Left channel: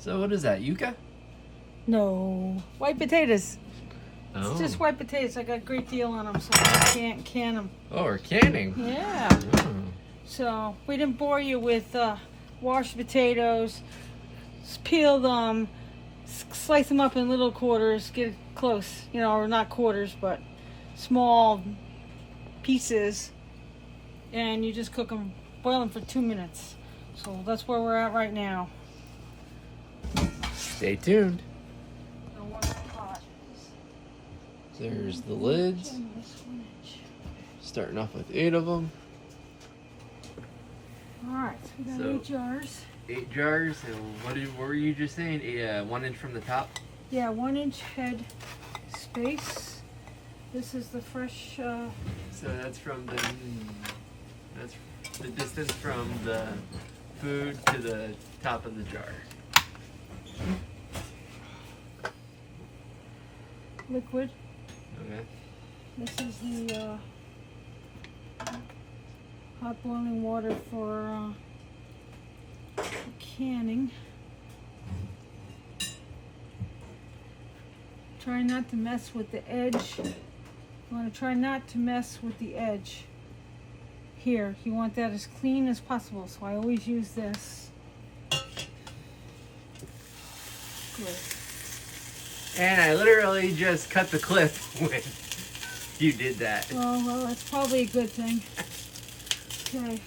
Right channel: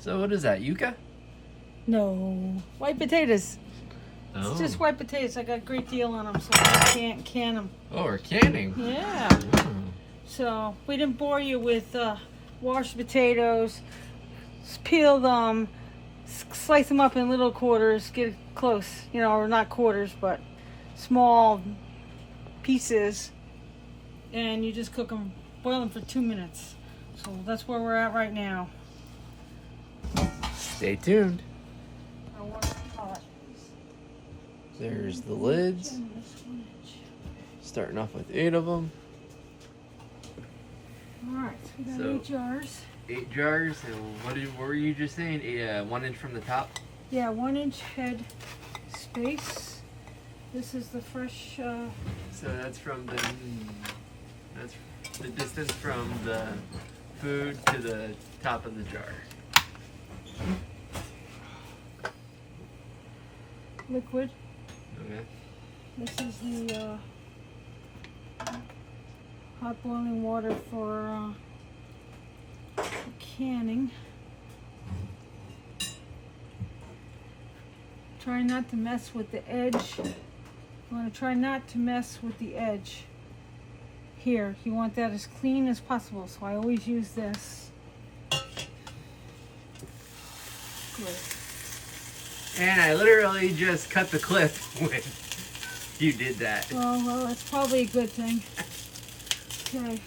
So what is that, yuca? No, white potatoes. Oh. It's just white potatoes. I got a great deal on them, so I can't can them. Oh, we're canning. Yeah. Oh. So we didn't bore you with washed potatoes. Peel them, slice them up in little quarters, get it close, you know, or not quarters, but small pieces, and you just cook them, boil them for 2 minutes. So that's where we're at right now. Stay tuned. I'll wash the pot. There's the lids. Starting off with 8 of them. All right, so we got So- 8 jars. 8 jars. And what were you just saying? 1 inch from the top. Yeah, 1 inch head space. This is the fresh. So that's the distance from the food to the top of the jar. Liquid. Okay. This is the hot boiling water for canning. Try not to mess with the edge. You want to try not to mess with the edge. Here, you want that as clean as possible, so I always use this. Good. And I literally just cut the clip when you did that. Oh, well, that's probably a good thing. Okay.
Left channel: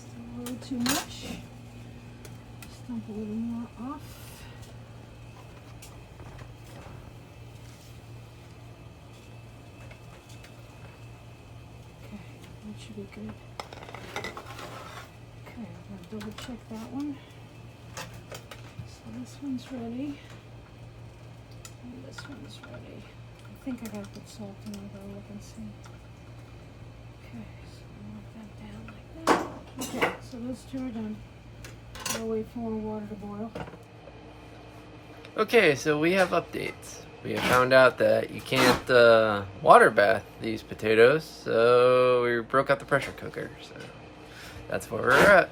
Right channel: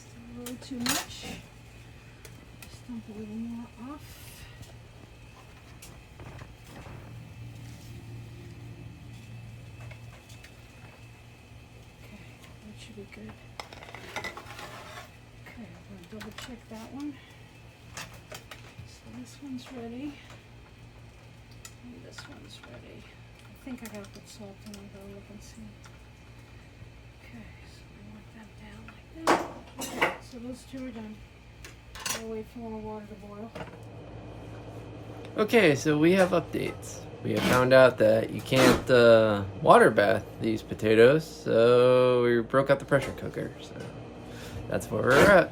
Still a little too much. Just dump a little more off. Okay, that should be good. Okay, I'm going to double check that one. So this one's ready. And this one's ready. I think I gotta put salt in. I gotta look and see. Okay, so we want that down like that. Okay, so those 2 are done. I'll wait for more water to boil. Okay, so we have updates. We have found out that you can't water bath these potatoes, so we broke out the pressure cooker. So that's where we're at.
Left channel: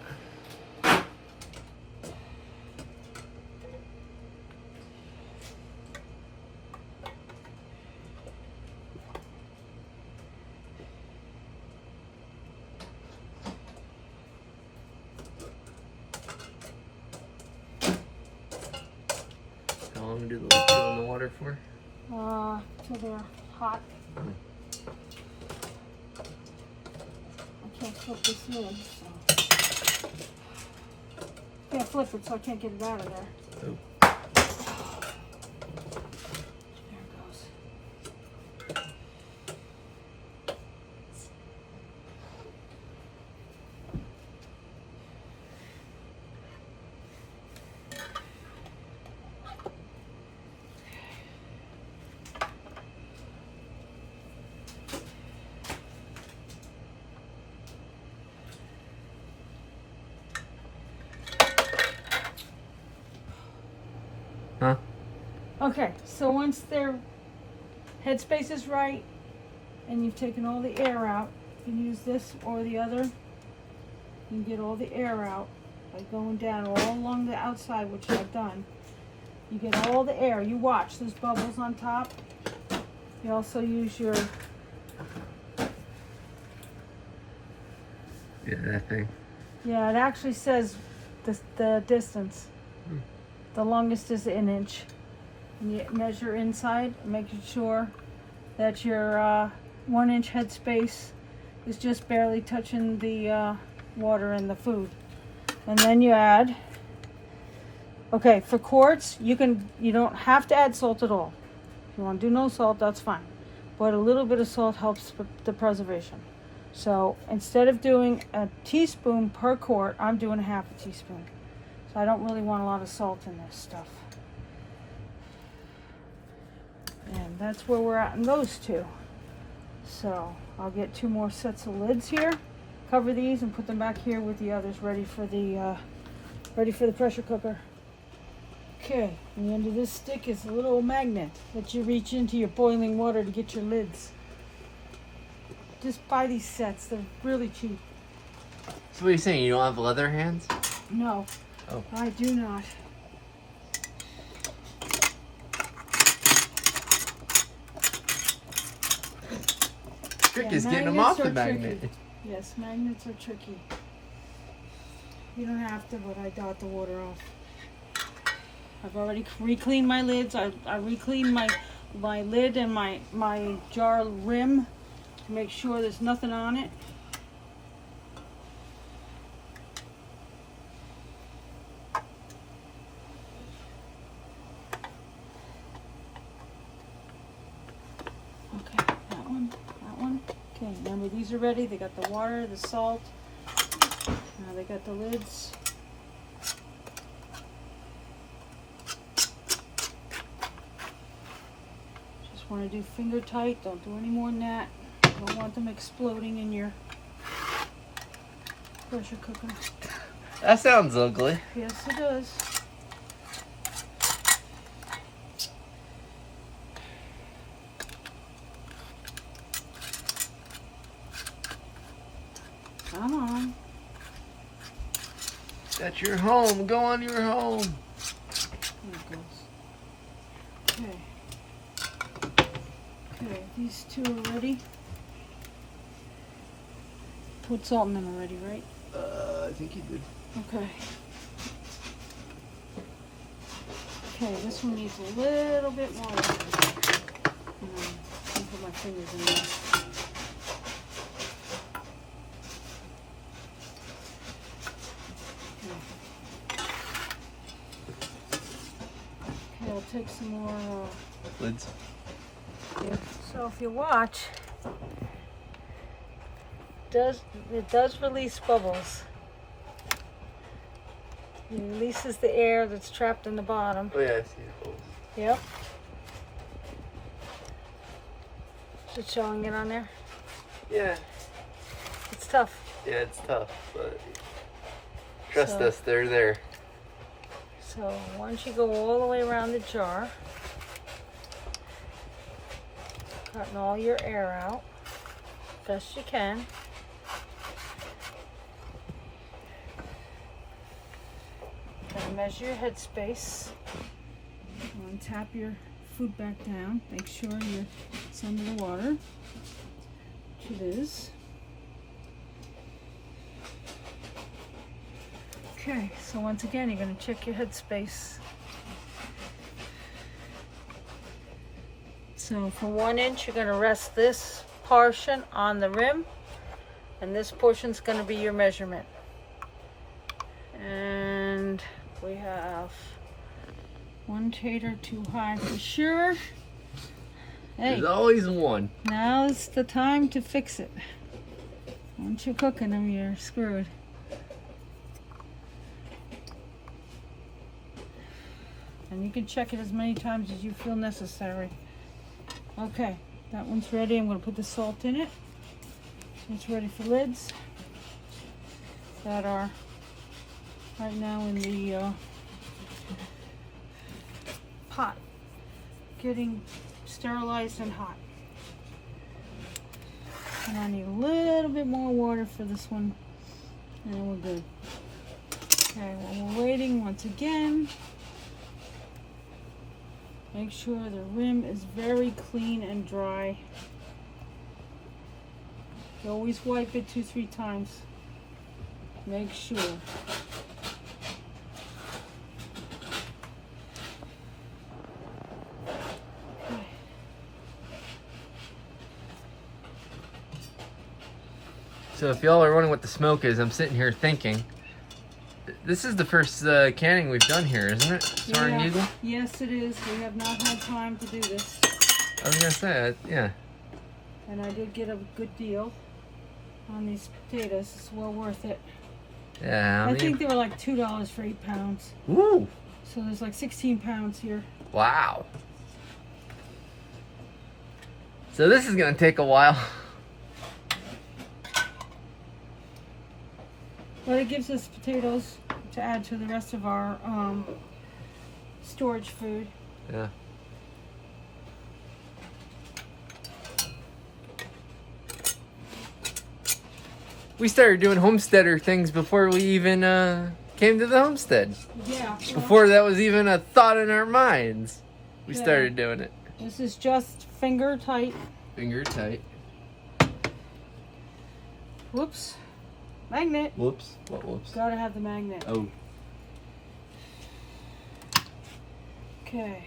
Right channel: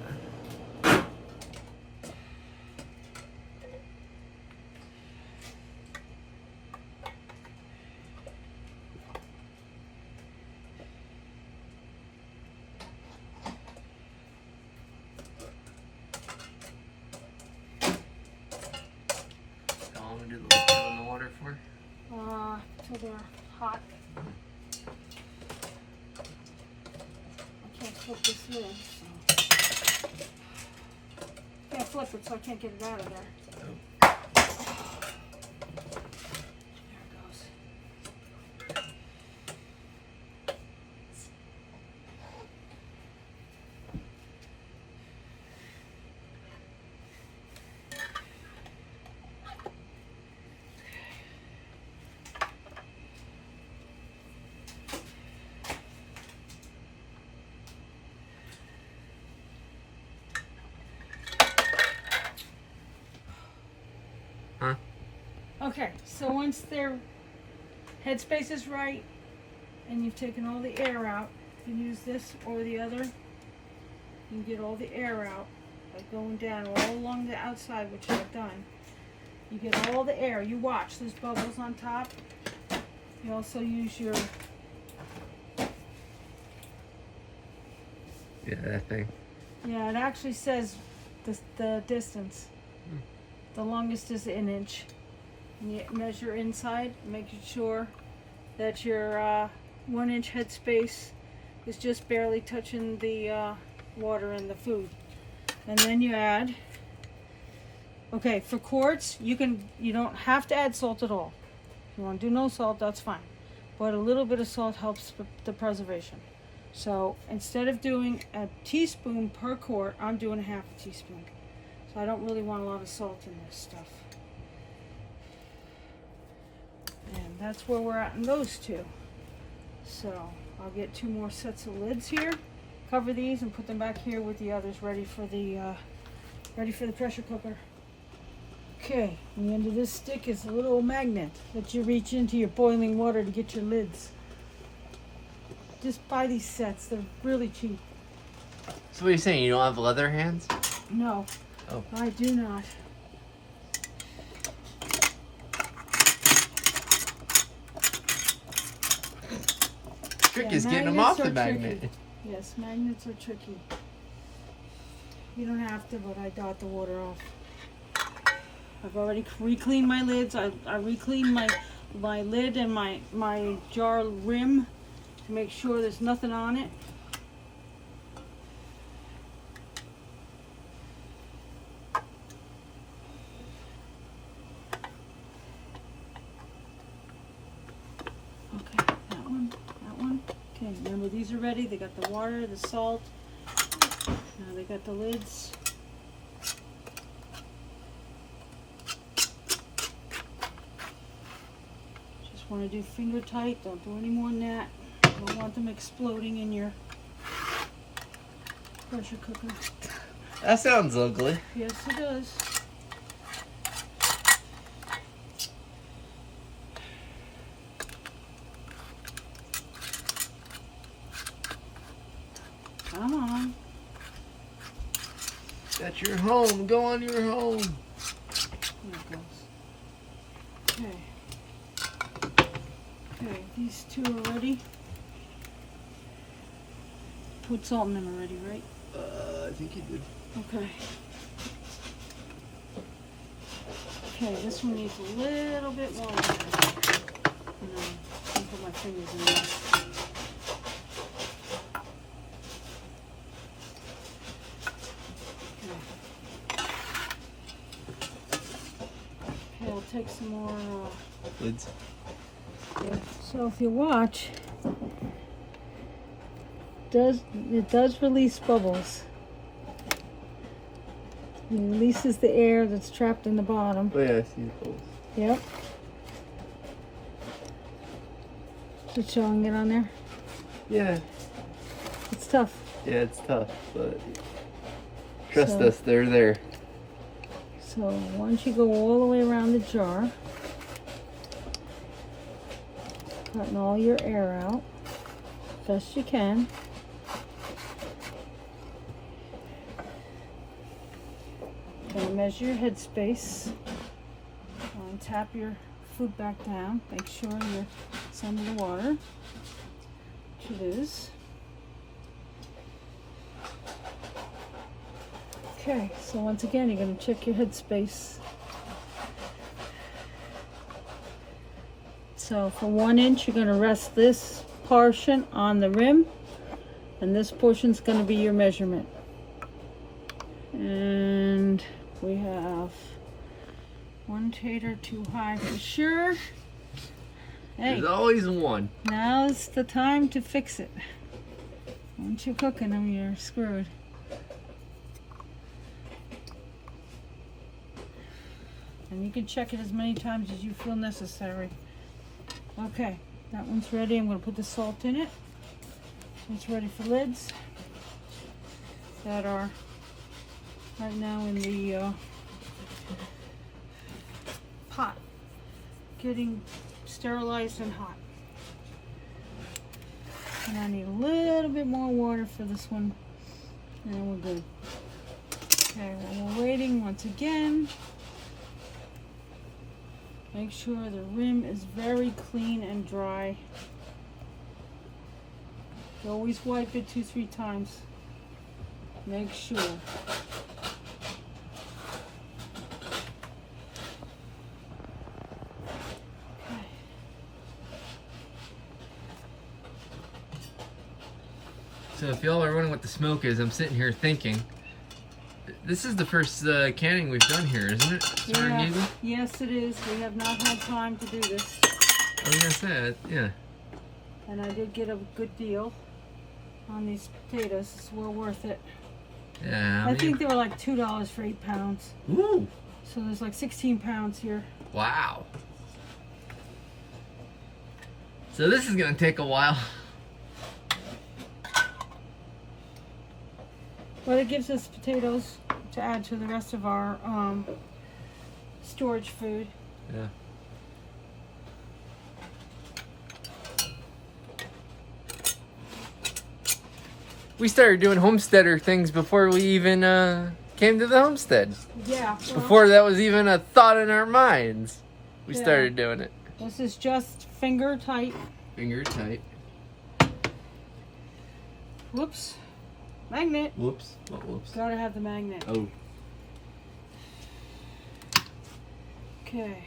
How long do the liquid in the water for? Till they're hot. I can't flip this lid, so. Can't flip it, so I can't get it out of there. Oh. There it goes. Huh? Okay, so once their headspace is right and you've taken all the air out, you can use this or the other. You can get all the air out by going down all along the outside, which I've done. You get all the air. You watch, there's bubbles on top. You also use your, Yeah, that thing. yeah, it actually says the distance. The longest is 1 inch. And you measure inside, making sure that your 1 inch headspace is just barely touching the water and the food. And then you add, okay, for quarts, you don't have to add salt at all. If you want to do no salt, that's fine. But a little bit of salt helps the preservation. So instead of doing a teaspoon per quart, I'm doing a half a teaspoon. So I don't really want a lot of salt in this stuff. And that's where we're at in those 2. So I'll get 2 more sets of lids here, cover these and put them back here with the others ready for the pressure cooker. Okay, and the end of this stick is a little magnet that you reach into your boiling water to get your lids. Just buy these sets, they're really cheap. So what are you saying? You don't have leather hands? No, Oh. I do not. trick is getting them off the tricky. magnet. Yes, magnets are tricky. You don't have to, but I dot the water off. I've already re-cleaned my lids. I re-cleaned my lid and my jar rim to make sure there's nothing on it. Okay, that one. Okay, remember these are ready. They got the water, the salt. Now they got the lids. Just want to do finger tight. Don't do any more than that. Don't want them exploding in your pressure cooker. That sounds ugly. Yes, it does. Come on. That's your home. Go on your home. There it goes. Okay. Okay, these two are ready. Put salt in them already, right? I think you did. Okay. Okay, this one needs a little bit more. And then I can put my fingers in there. Okay, I'll take some more. Lids. So if you watch, it does release bubbles. It releases the air that's trapped in the bottom. Oh yeah, I see the bubbles. Yep. Is it showing it on there? Yeah. It's tough. Yeah, it's tough, but trust So- us, they're there. So once you go all the way around the jar, cutting all your air out best you can. Gonna measure your headspace. Tap your food back down. Make sure it's under the water, which it is. Okay, so once again, you're going to check your headspace. So from 1 inch, you're going to rest this portion on the rim, and this portion's going to be your measurement. And we have one tater too high for sure. Hey, There's always one. now's the time to fix it. Once you're cooking them, you're screwed. And you can check it as many times as you feel necessary. Okay, that one's ready. I'm going to put the salt in it. So it's ready for lids that are right now in the pot, getting sterilized and hot. And I need a little bit more water for this one, and then we're good. Okay, while we're waiting, once again, make sure the rim is very clean and dry. You always wipe it 2-3 times. Make sure. Okay. So if y'all are wondering what the smoke is, I'm sitting here thinking, this is the first canning we've done here, isn't it? Soaring Yeah. Eagle? Yes, it is. We have not had time to do this. I was gonna say, yeah. And I did get a good deal on these potatoes. It's well worth it. Yeah, I think they were like $2 for 8 pounds. Ooh, So there's like 16 pounds here. wow. So this is gonna take a while. But it gives us potatoes to add to the rest of our storage food. Yeah. We started doing homesteader things before we even came to the homestead. Yeah. well, Before that was even a thought in our minds, we Yeah. started doing it. This is just finger tight. Finger tight. Whoops. Magnet. Whoops. What whoops? Gotta have the magnet. Oh. Okay.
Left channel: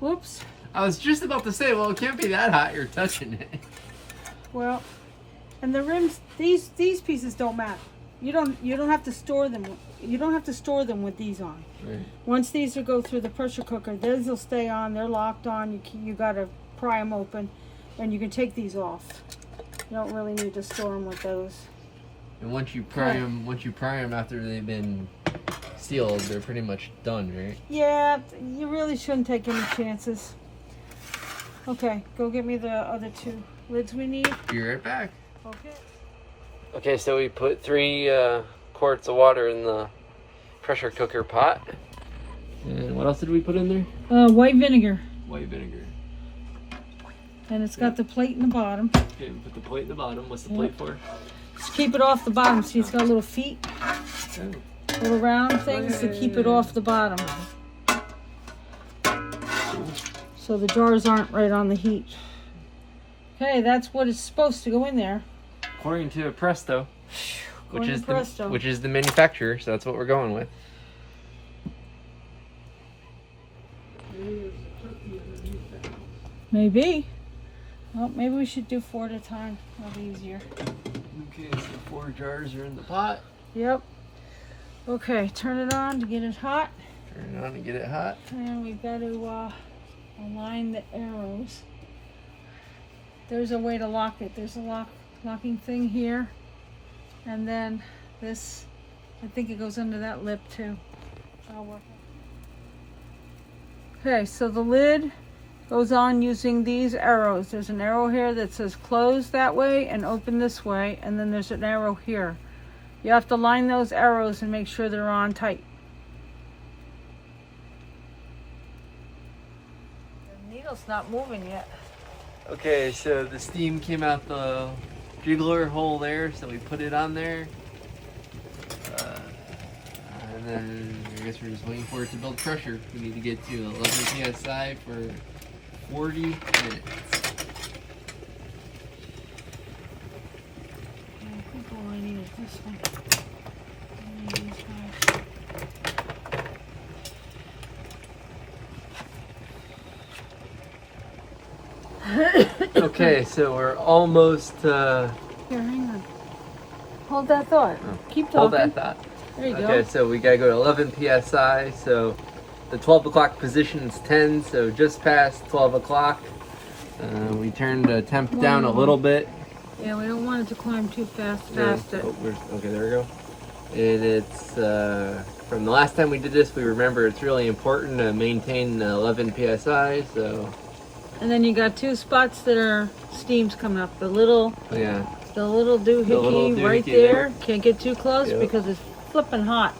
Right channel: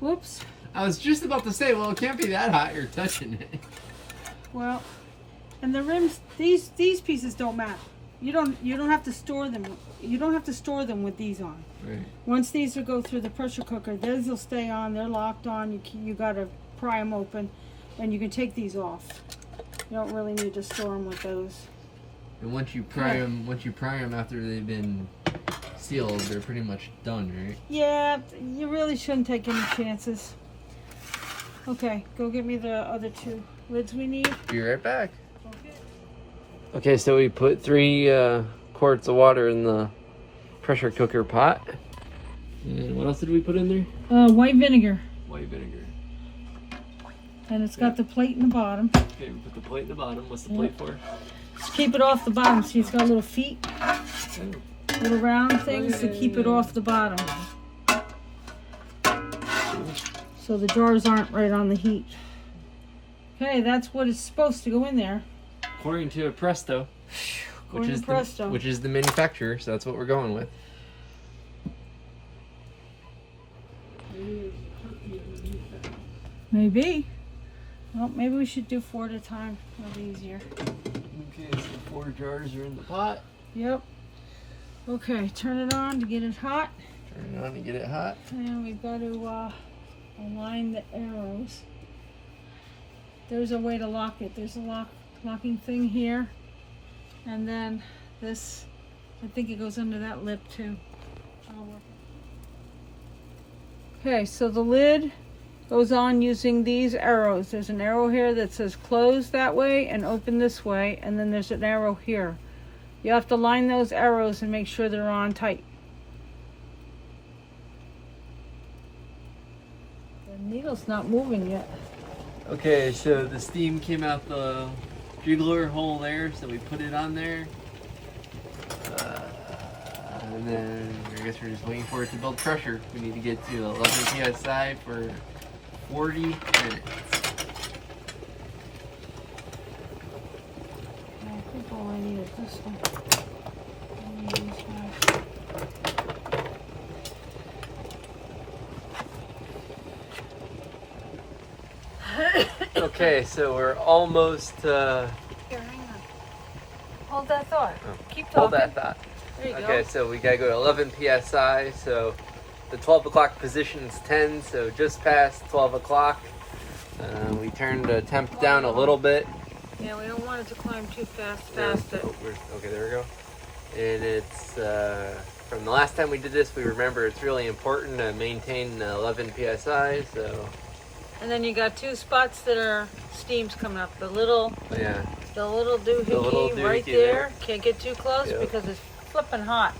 Whoops. I was just about to say, well, it can't be that hot. You're touching it. Well, and the rims, these pieces don't matter. You don't have to store them. You don't have to store them with these on. Right. Once these will go through the pressure cooker, these will stay on. They're locked on. You gotta pry them open, and you can take these off. You don't really need to store them with those. And once you pry them after they've been sealed, they're pretty much done, right? Yeah, you really shouldn't take any chances. Okay, go get me the other 2 lids we need. Be right back. Okay. Okay, so we put 3 quarts of water in the pressure cooker pot. And what else did we put in there? White vinegar. White vinegar. And it's got the plate in the bottom. Okay, we put the plate in the bottom. What's the plate for? Just keep it off the bottom. See, it's got little feet, Oh. little round things to keep it off the bottom. So the jars aren't right on the heat. Okay, that's what is supposed to go in there. According to Presto, which According to Presto. which is the manufacturer, so that's what we're going with. Maybe. Well, maybe we should do 4 at a time. That'll be easier. Okay, so 4 jars are in the pot. Yep. Okay, turn it on to get it hot. Turn it on to get it hot. And we've got to align the arrows. There's a way to lock it. There's a locking thing here. And then this, I think it goes under that lip too. I'll work it. Okay, so the lid goes on using these arrows. There's an arrow here that says close that way and open this way, and then there's an arrow here. You have to line those arrows and make sure they're on tight. The needle's not moving yet. Okay, so the steam came out the jiggler hole there, so we put it on there. And then I guess we're just waiting for it to build pressure. We need to get to 11 psi for 40 minutes. I think all I need is this one. Okay, so we're almost Here, hang on. Hold that thought. Keep talking. hold that thought. There you Okay, go. so we gotta go to 11 psi. So the 12 o'clock position is 10, so just past 12 o'clock. We turned the temp down a little bit. Yeah, we don't want it to climb too fast past it. Okay, there we go. And it's from the last time we did this, we remember it's really important to maintain 11 psi. So And then you got 2 spots that are steams coming up. The little yeah, doohickey right doohickey there. there. Can't get too close Yep. because it's flipping hot.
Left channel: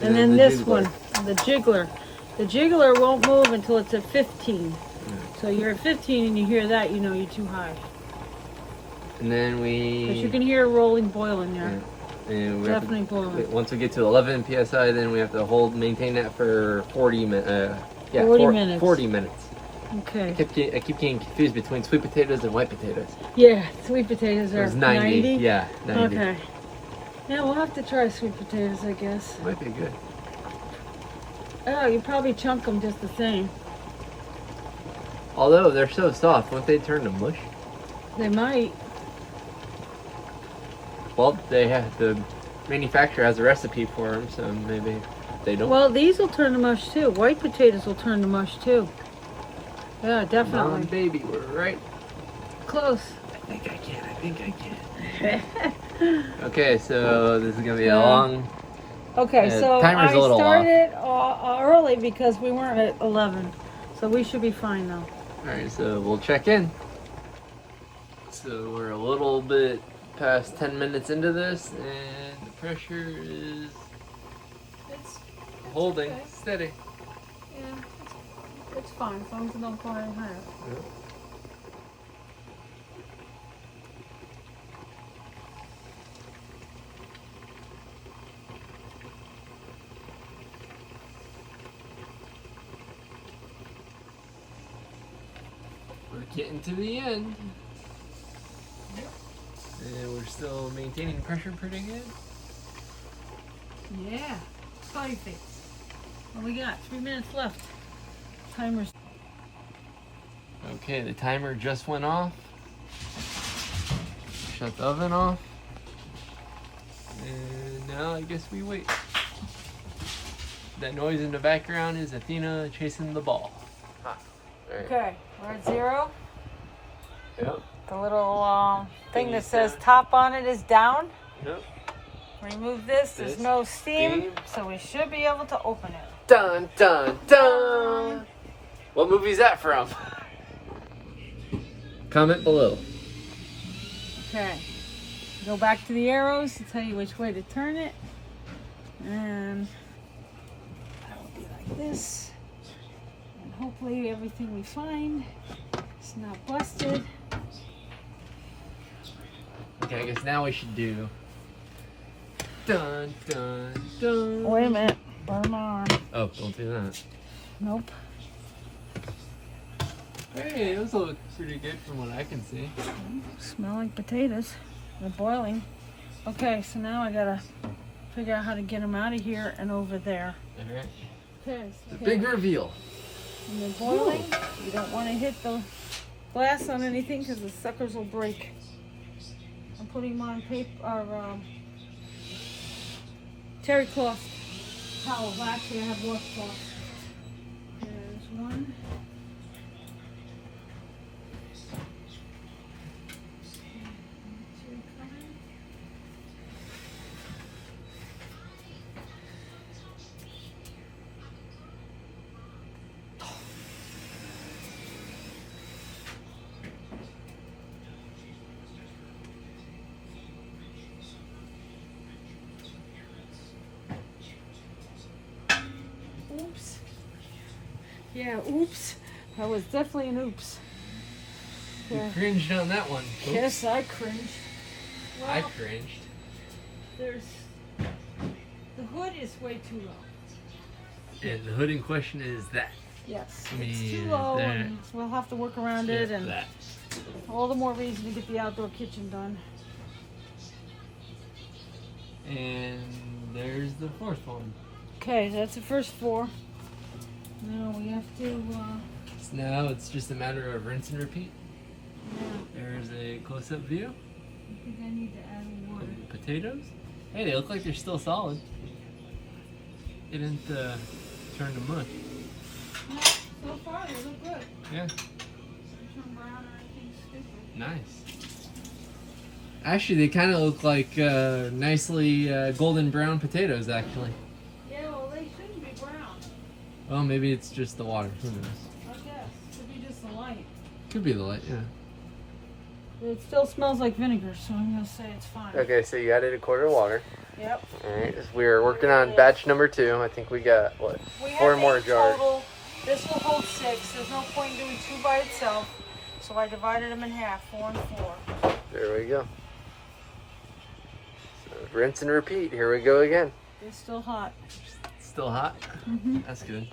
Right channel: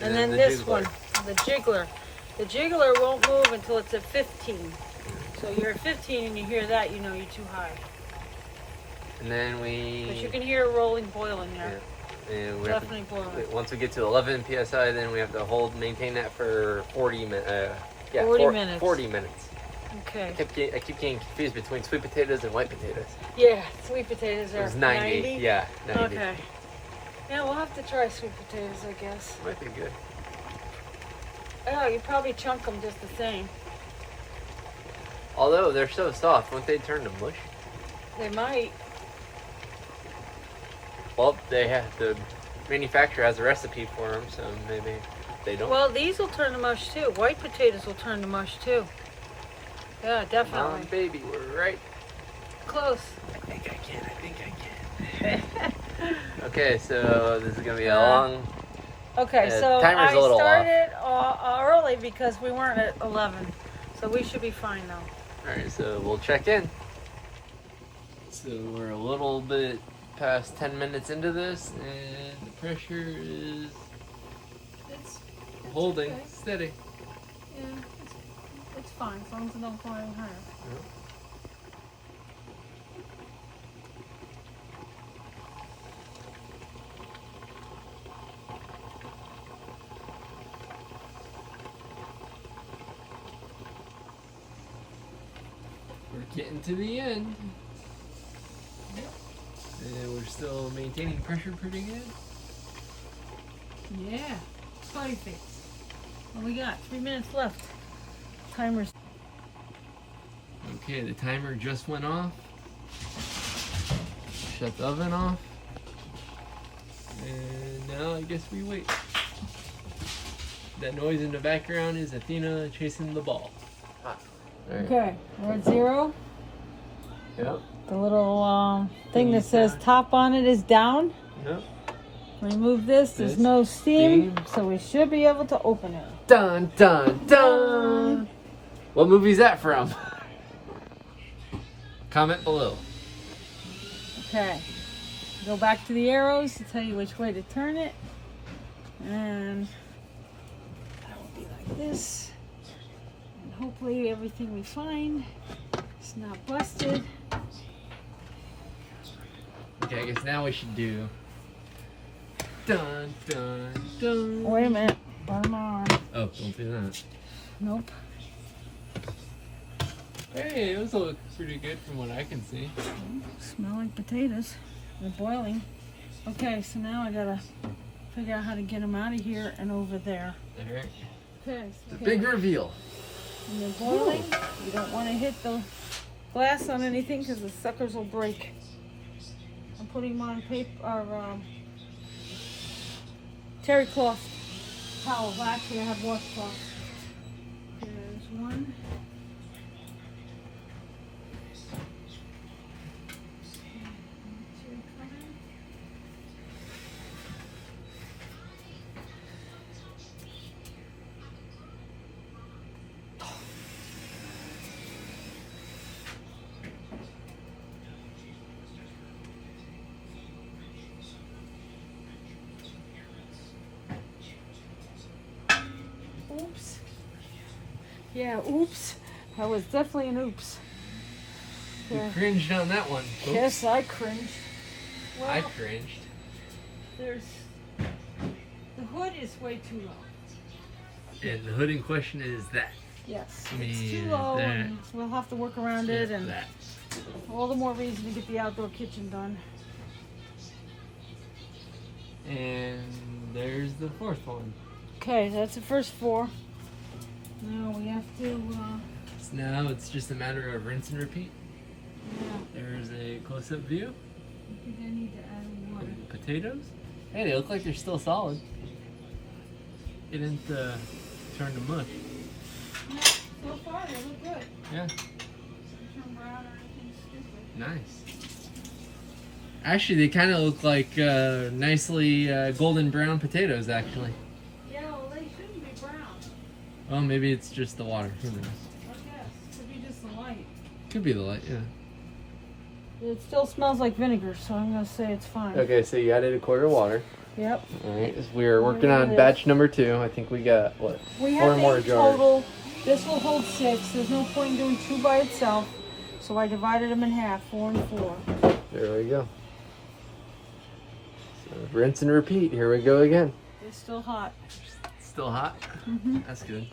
And And then then the this jiggler. one, the jiggler. The jiggler won't move until it's at 15. So you're at 15 and you hear that, you know you're too high. and then Because you can hear a rolling boil in there. and we have Definitely boiling. once we get to 11 psi, then we have to maintain that for 40 minutes. 40 minutes. 40 minutes. Okay. I keep getting confused between sweet potatoes and white potatoes. Yeah, sweet potatoes It are was 90. Yeah, 90. Okay. Yeah, we'll have to try sweet potatoes, I guess. Might be good. Oh, you probably chunk them just the same. Although they're so soft, won't they turn to mush? They might. Well, the manufacturer has a recipe for them, so maybe they don't. Well, these will turn to mush too. White potatoes will turn to mush too. Yeah, Come on, definitely. baby, we're right. Close. I think I can. Okay, so this is gonna be a long. Okay, The so timer's I a little started early because we weren't at 11. So we should be fine now. All right, so we'll check in. So we're a little bit past 10 minutes into this, and the pressure is It's holding okay. steady. Yeah, it's fine. As long as it don't go any higher. We're getting to the end. And we're still maintaining pressure pretty good. Yeah, spotty face. What we got? 3 minutes left. Timer's. Okay, the timer just went off. Shut the oven off. And now I guess we wait. That noise in the background is Athena chasing the ball. Okay, we're at 0. Yep. The little thing that says top on it is down. Yep. Remove this. There's no steam, so we should be able to open it. Dun dun dun! What movie is that from? Comment below. Okay. Go back to the arrows to tell you which way to turn it. And that will be like this. And hopefully everything we find is not busted. Okay, I guess now we should do dun dun dun. Wait a minute. Bottom on. Oh, don't do that. Nope. Hey, those look pretty good from what I can see. Smell like potatoes. They're boiling. Okay, so now I gotta figure out how to get them out of here and over there. Alright. Okay. The big reveal. When they're boiling, you don't want to hit the glass on anything because the suckers will break. I'm putting them on paper or terry cloth towels. Actually, I have washcloth. There's one. Oops. Yeah, oops. That was definitely an oops. You cringed on that one. Oops. Yes, I cringed. Well, I cringed. there's the hood is way too low. And the hood in question is that. Yes, I it's mean, too low, that. and we'll have to work around it, and that. all the more reason to get the outdoor kitchen done. And there's the fourth one. Okay, that's the first 4. Now we have to. So now it's just a matter of rinse and repeat. Yeah, There's a close-up view. I think I need to add water. of the potatoes. Hey, they look like they're still solid. It didn't turn to mush. No, so far they look good. Yeah, Turn brown or anything stupid. nice. Actually, they kind of look like nicely golden brown potatoes, actually. Yeah, well, they shouldn't be brown. Well, maybe it's just the water. Who knows? I guess. Could be just the light. Could be the light, yeah. It still smells like vinegar, so I'm gonna say it's fine. Okay, so you added a quart of water. Yep. Alright, we are working on batch number 2. I think we got, what, We 4 have more 8 jars. total. This will hold 6. There's no point in doing 2 by itself, so I divided them in half, 4 and 4. There we go. So, rinse and repeat. Here we go again. They're still hot. Still hot? Mm-hmm. That's good.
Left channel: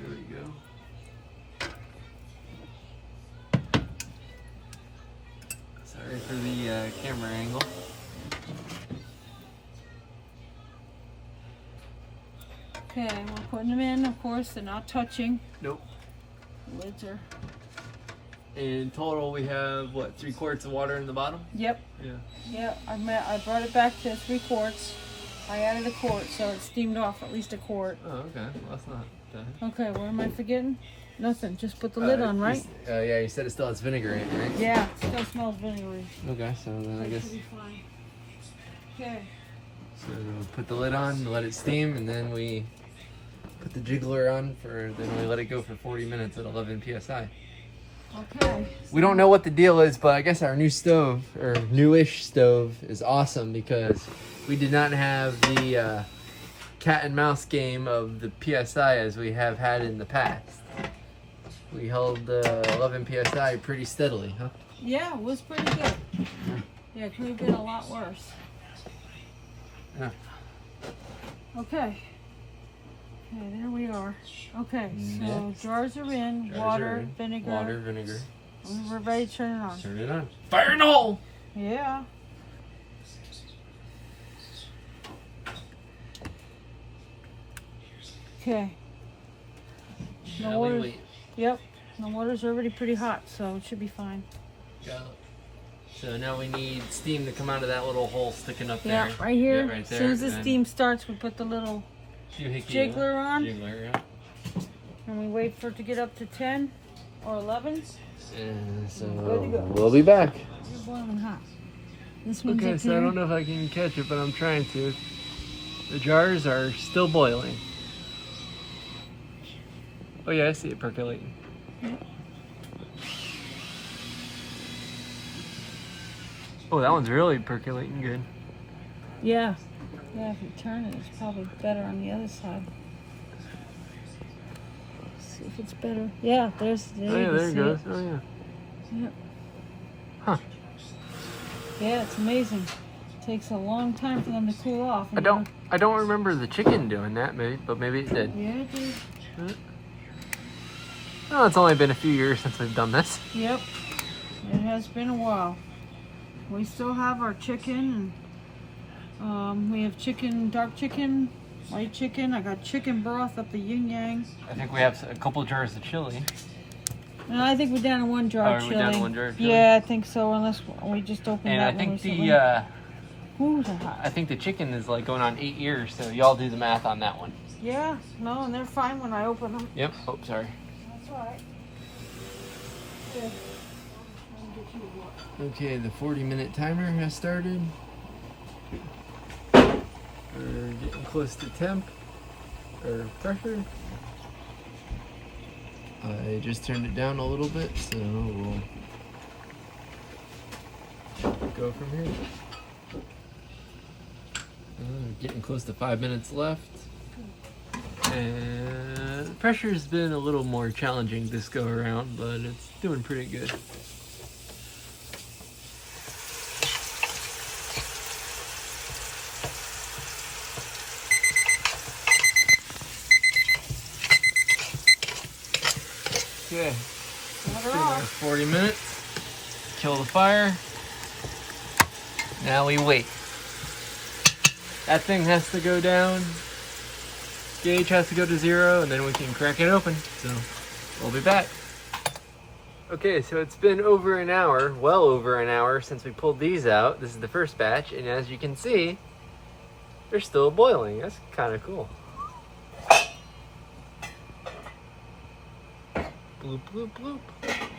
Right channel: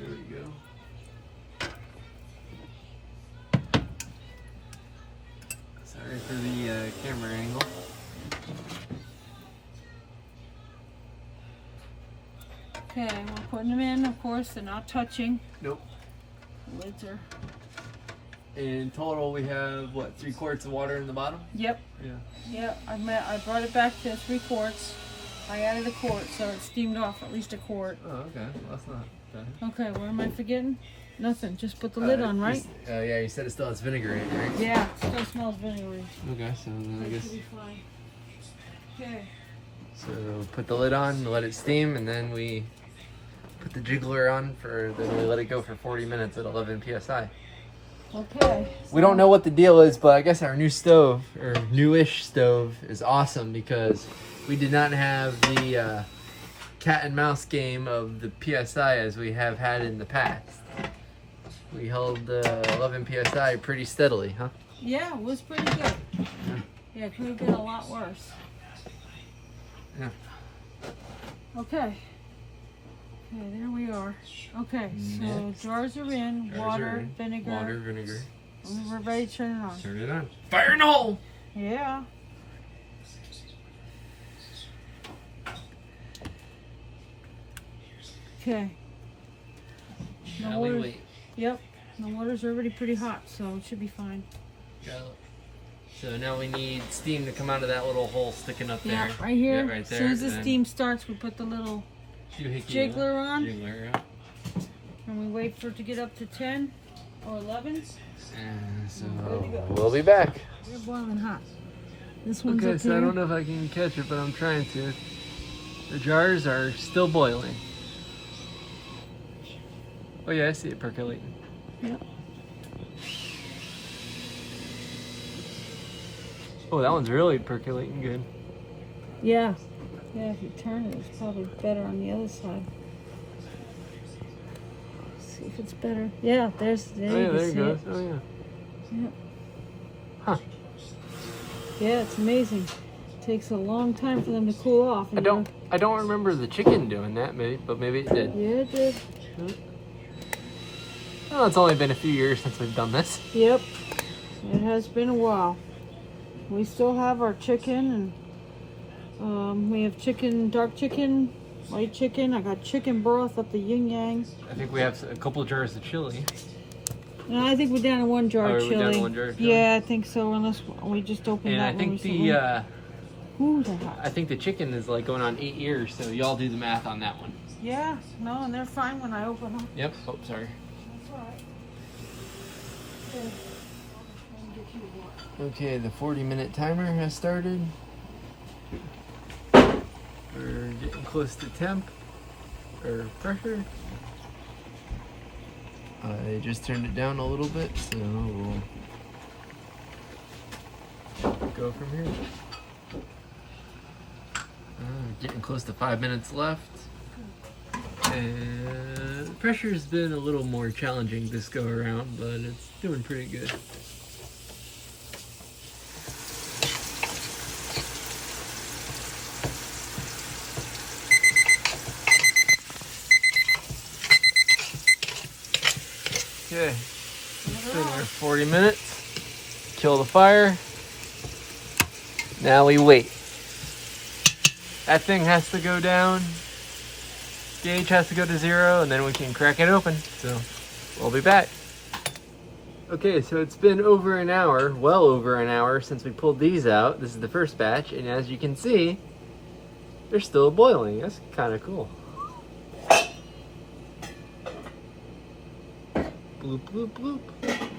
There we go. Sorry for the camera angle. Okay, we're putting them in. Of course, they're not touching. Nope. The lids are. In total, we have, what, 3 quarts of water in the bottom? Yep. Yeah. Yeah. I brought it back to 3 quarts. I added a quart, so it steamed off at least a quart. Oh, okay. Well, that's not bad. Okay, what am I forgetting? Nothing. Just put the lid on, right? Yeah, you said it still has vinegar in it, right? Yeah. It still smells vinegary. Okay, so then I That guess. should be fine. Okay. So put the lid on, let it steam, and then we put the jiggler on then we let it go for 40 minutes at 11 psi. Okay. We don't know what the deal is, but I guess our new stove, or newish stove, is awesome because we did not have the cat and mouse game of the PSI as we have had in the past. We held 11 PSI pretty steadily, huh? Yeah, it was pretty good. Yeah, it could have been a lot worse. Yeah. Okay. Okay, there we are. Okay, so Next. jars are in. Jars Water, are in. vinegar. Water, vinegar. We're ready to turn it on. Turn it on. Fire in the hole! Yeah. Okay. The Now we water's, wait. yep. The water's already pretty hot, so it should be fine. Go. So now we need steam to come out of that little hole sticking up there. Yeah, right here. Yeah, right there. As soon as the and steam starts, we put the little jiggler jiggler on, yeah. and we wait for it to get up to 10 or 11. And so Good to go. we'll be back. They're boiling hot. This one's Okay, up so I here. don't know if I can catch it, but I'm trying to. The jars are still boiling. Oh yeah, I see it percolating. Yep. Oh, that one's really percolating good. Yeah. Yeah, if you turn it, it's probably better on the other side. Let's see if it's better. Yeah, there Oh, you yeah, can there see it goes. it. Oh yeah. Yep. Huh. Yeah, it's amazing. It takes a long time for them to cool off. I don't remember the chicken doing that, but maybe it did. Yeah, it did. Oh, it's only been a few years since we've done this. Yep. It has been a while. We still have our chicken, and we have chicken, dark chicken, white chicken. I got chicken broth up the yin yang. I think we have a couple jars of chili. And I think we're down to one jar Oh, of are we chili. down to one jar of chili? Yeah, I think so. Unless we just opened And that I one think recently. Ooh, they're hot. I think the chicken is like going on 8 years, so y'all do the math on that one. Yeah, no, and they're fine when I open them. Yep. Oh, sorry. That's all right. Good. Okay, the 40-minute timer has started. We're getting close to temp or pressure. I just turned it down a little bit, so we'll go from here. Getting close to 5 minutes left. And the pressure's been a little more challenging this go around, but it's doing pretty good. Okay, Water off. 40 minutes. Kill the fire. Now we wait. That thing has to go down. Gauge has to go to 0, and then we can crack it open. So we'll be back. Okay, so it's been over an hour, well over an hour since we pulled these out. This is the first batch, and as you can see, they're still boiling. That's kind of cool. Bloop, bloop, bloop.